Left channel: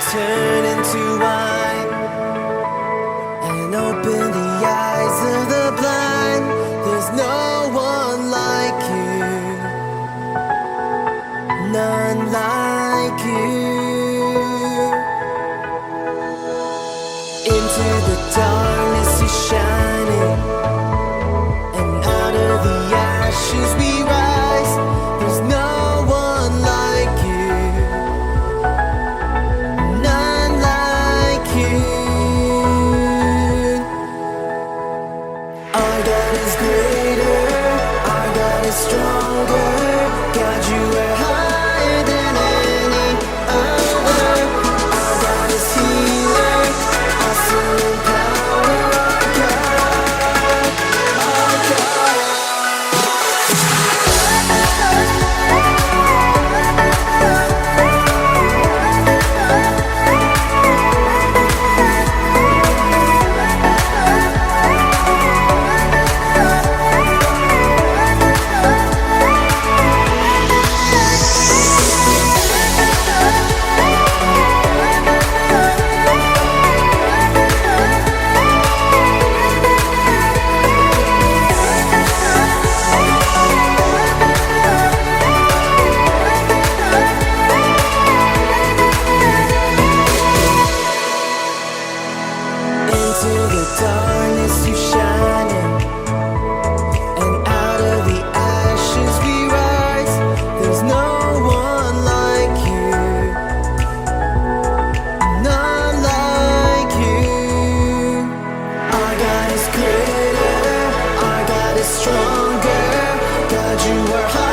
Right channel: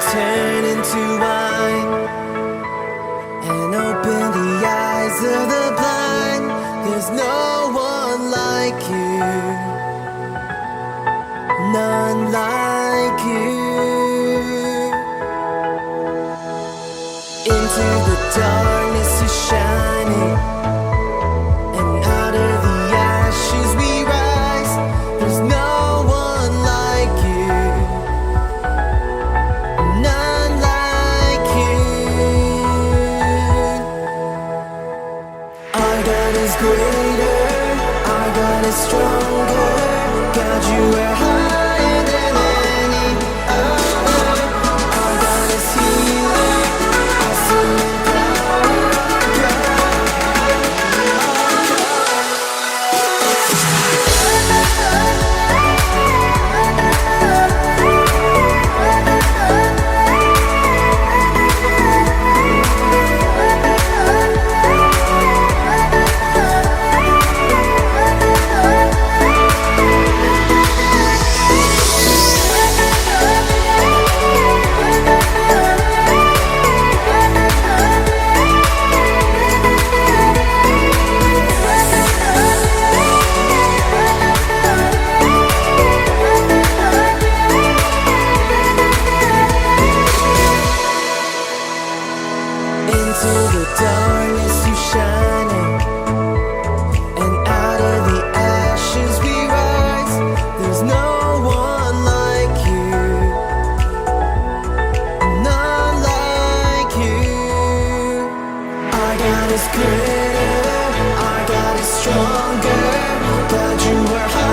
turn into wine and open the eyes of the blind. There's no one like you, none like you. Into the darkness you're shining, and out of the ashes we rise. There's no one like you, none like you. Our God is greater, our God is stronger. God, you are higher than any other. Our God is healer, awesome in power. Our God, our God. Into the darkness you shining, and out of the ashes we rise. There's no one like you, none like you. Our God is greater, our God is stronger. God, you are higher.